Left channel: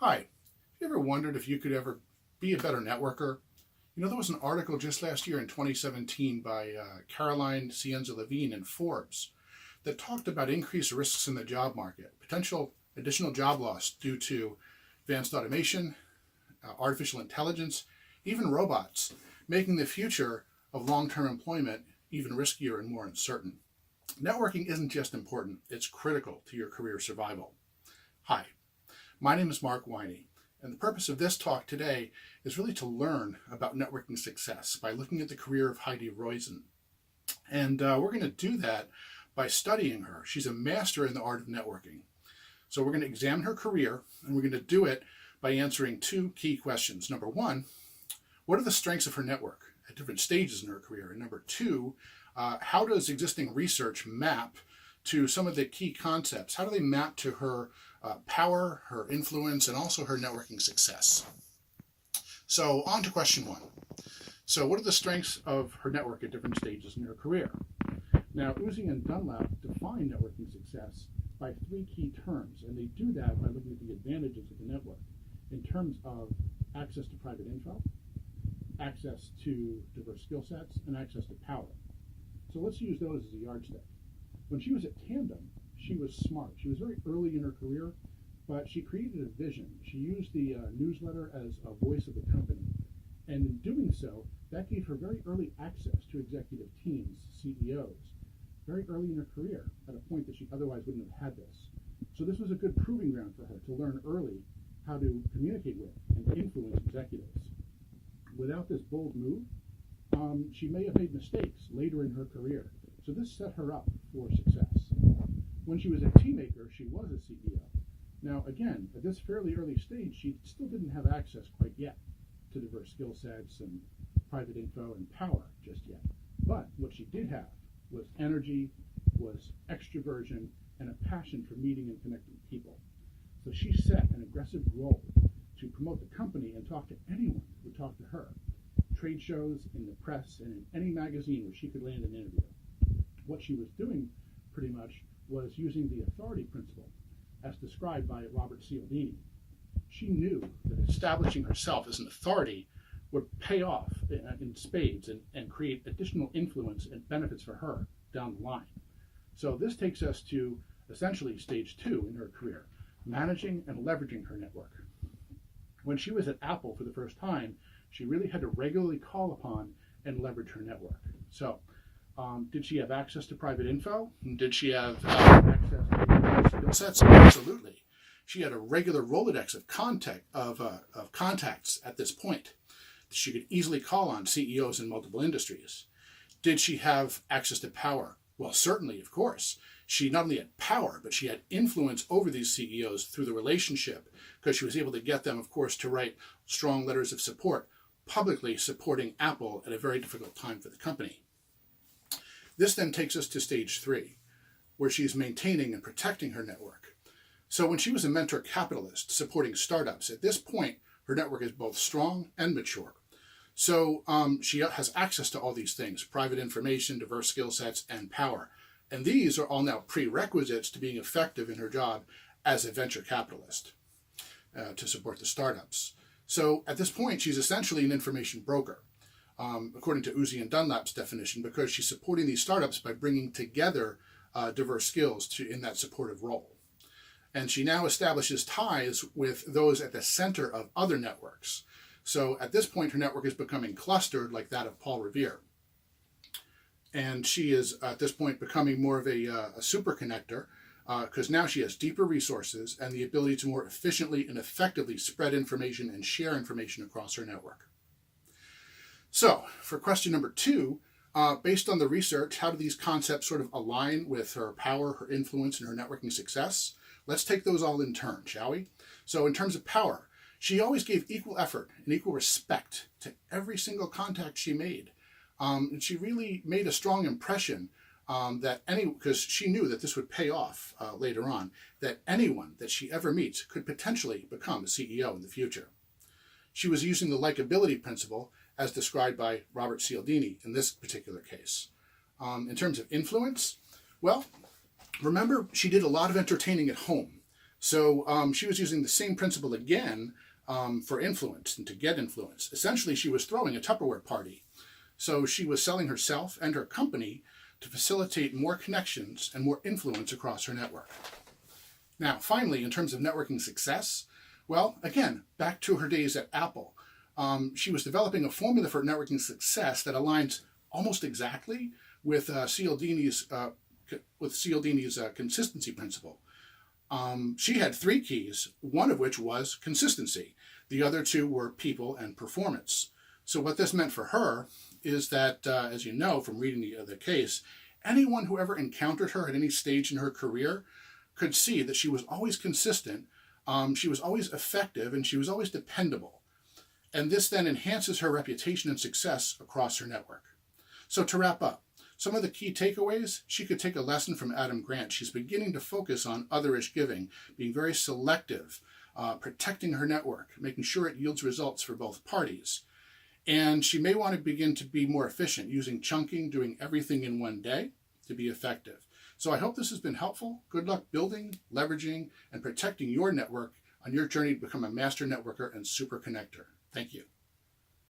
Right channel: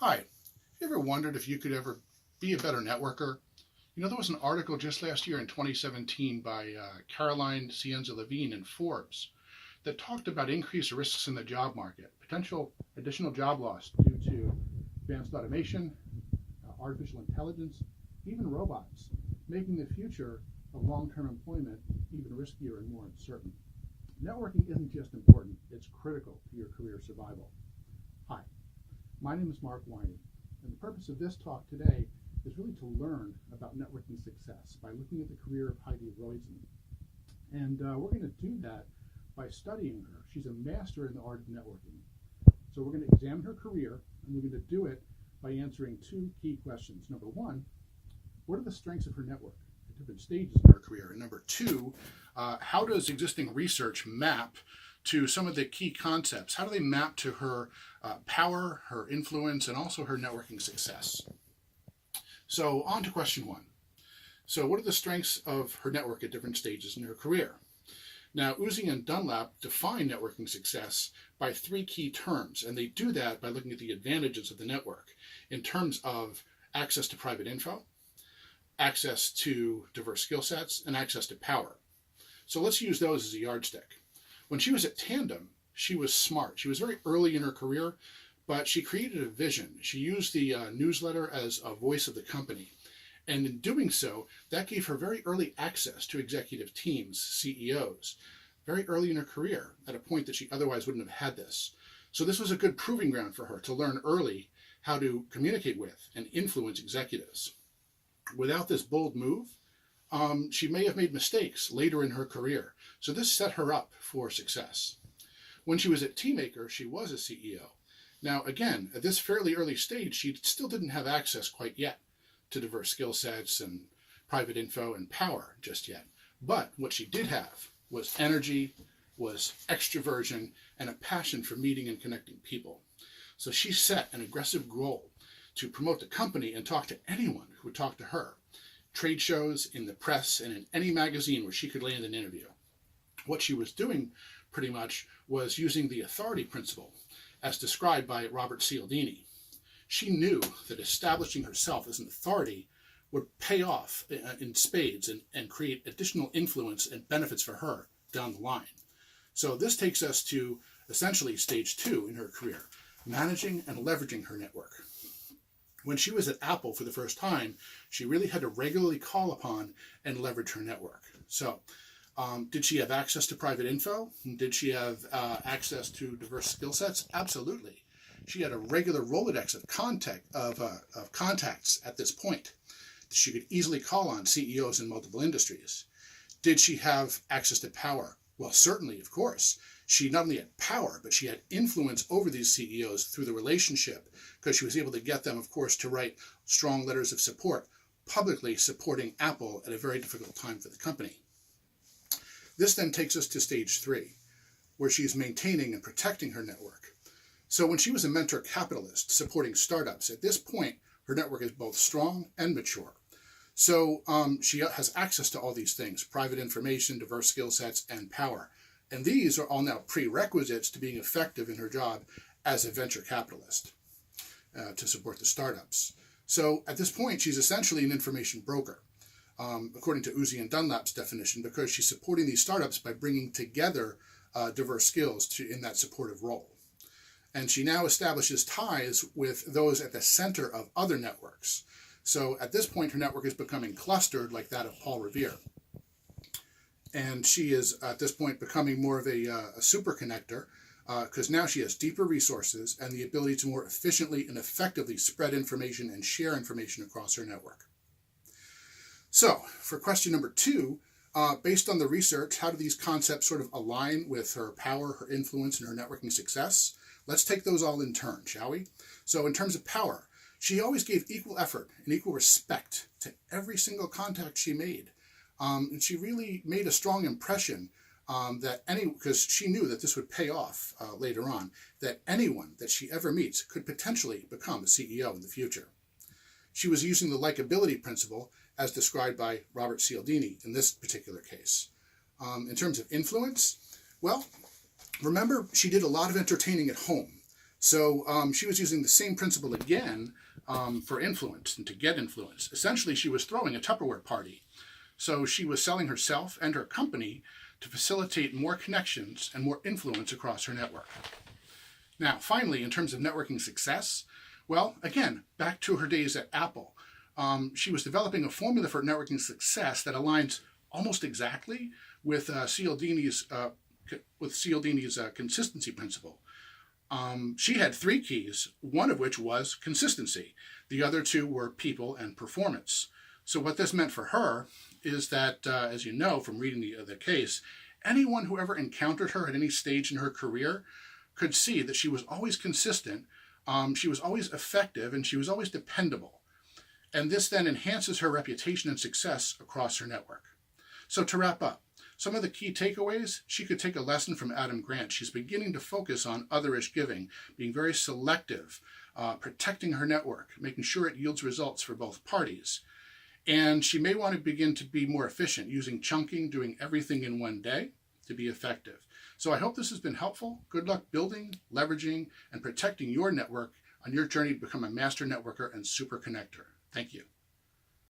Hi, you ever wondered if you could ever be a better networker? There was an article just last year in 2017 by Caroline Cienza-Levine in Forbes that talked about increased risks in the job market, potential additional job loss due to advanced automation, artificial intelligence, even robots, making the future of long-term employment even riskier and more uncertain. Networking isn't just important, it's critical to your career survival. Hi, my name is Mark Winey, and the purpose of this talk today is really to learn about networking success by looking at the career of Heidi Roizen. And we're going to do that by studying her. She's a master in the art of networking. So we're going to examine her career, and we're going to do it by answering two key questions. Number one, what are the strengths of her network at different stages in her career? And number two, how does existing research map to some of the key concepts? How do they map to her power, her influence, and also her networking success? So on to question one. So what are the strengths of her network at different stages in her career? Now, Roizen and Dunlap define networking success by three key terms, and they do that by looking at the advantages of the network in terms of access to private info, access to diverse skill sets, and access to power. So let's use those as a yardstick. When she was at Tandem, she was smart. She was very early in her career, but she created a vision. She used the newsletter as a voice of the company. And in doing so, that gave her very early access to executive teams, CEOs, very early in her career, at a point that she otherwise wouldn't have had this. So this was a good proving ground for her to learn early how to communicate with and influence executives. Without this bold move, she may have made mistakes later in her career. So this set her up for success. When she was at Teamaker, she was a CEO. Now, again, at this fairly early stage, she still didn't have access quite yet to diverse skill sets and private info and power just yet. But what she did have was energy, was extroversion, and a passion for meeting and connecting people. So she set an aggressive goal to promote the company and talk to anyone who would talk to her. Trade shows, in the press, and in any magazine where she could land an interview. What she was doing pretty much was using the authority principle as described by Robert Cialdini. She knew that establishing herself as an authority would pay off in spades and create additional influence and benefits for her down the line. So this takes us to essentially stage two in her career, managing and leveraging her network. When she was at Apple for the first time, she really had to regularly call upon and leverage her network. So did she have access to private info? Did she have access to diverse skill sets? Absolutely. She had a regular Rolodex of contacts at this point. She could easily call on CEOs in multiple industries. Did she have access to power? Well, certainly, of course. She not only had power, but she had influence over these CEOs through the relationship, because she was able to get them, of course, to write strong letters of support, publicly supporting Apple at a very difficult time for the company. This then takes us to stage three, where she's maintaining and protecting her network. So when she was a mentor capitalist supporting startups, at this point, her network is both strong and mature. So she has access to all these things: private information, diverse skill sets, and power. And these are all now prerequisites to being effective in her job as a venture capitalist to support the startups. So at this point, she's essentially an information broker, according to Roizen and Dunlap's definition, because she's supporting these startups by bringing together diverse skills in that supportive role. And she now establishes ties with those at the center of other networks. So at this point, her network is becoming clustered like that of Paul Revere. And she is, at this point, becoming more of a super connector, because now she has deeper resources and the ability to more efficiently and effectively spread information and share information across her network. So for question number two, based on the research, how do these concepts sort of align with her power, her influence, and her networking success? Let's take those all in turn, shall we? So in terms of power, she always gave equal effort and equal respect to every single contact she made. And she really made a strong impression because she knew that this would pay off later on, that anyone that she ever meets could potentially become a CEO in the future. She was using the likability principle as described by Robert Cialdini in this particular case. In terms of influence, well, remember, she did a lot of entertaining at home. So she was using the same principle again for influence and to get influence. Essentially, she was throwing a Tupperware party. So she was selling herself and her company to facilitate more connections and more influence across her network. Now, finally, in terms of networking success, well, again, back to her days at Apple. She was developing a formula for networking success that aligns almost exactly with Cialdini's consistency principle. She had 3 keys, one of which was consistency. The other 2 were people and performance. So what this meant for her is that, as you know from reading the case, anyone who ever encountered her at any stage in her career could see that she was always consistent, she was always effective, and she was always dependable. And this then enhances her reputation and success across her network. So to wrap up, some of the key takeaways: she could take a lesson from Adam Grant. She's beginning to focus on otherish giving, being very selective, protecting her network, making sure it yields results for both parties. And she may want to begin to be more efficient, using chunking, doing everything in one day to be effective. So I hope this has been helpful. Good luck building, leveraging, and protecting your network on your journey to become a master networker and super connector. Thank you.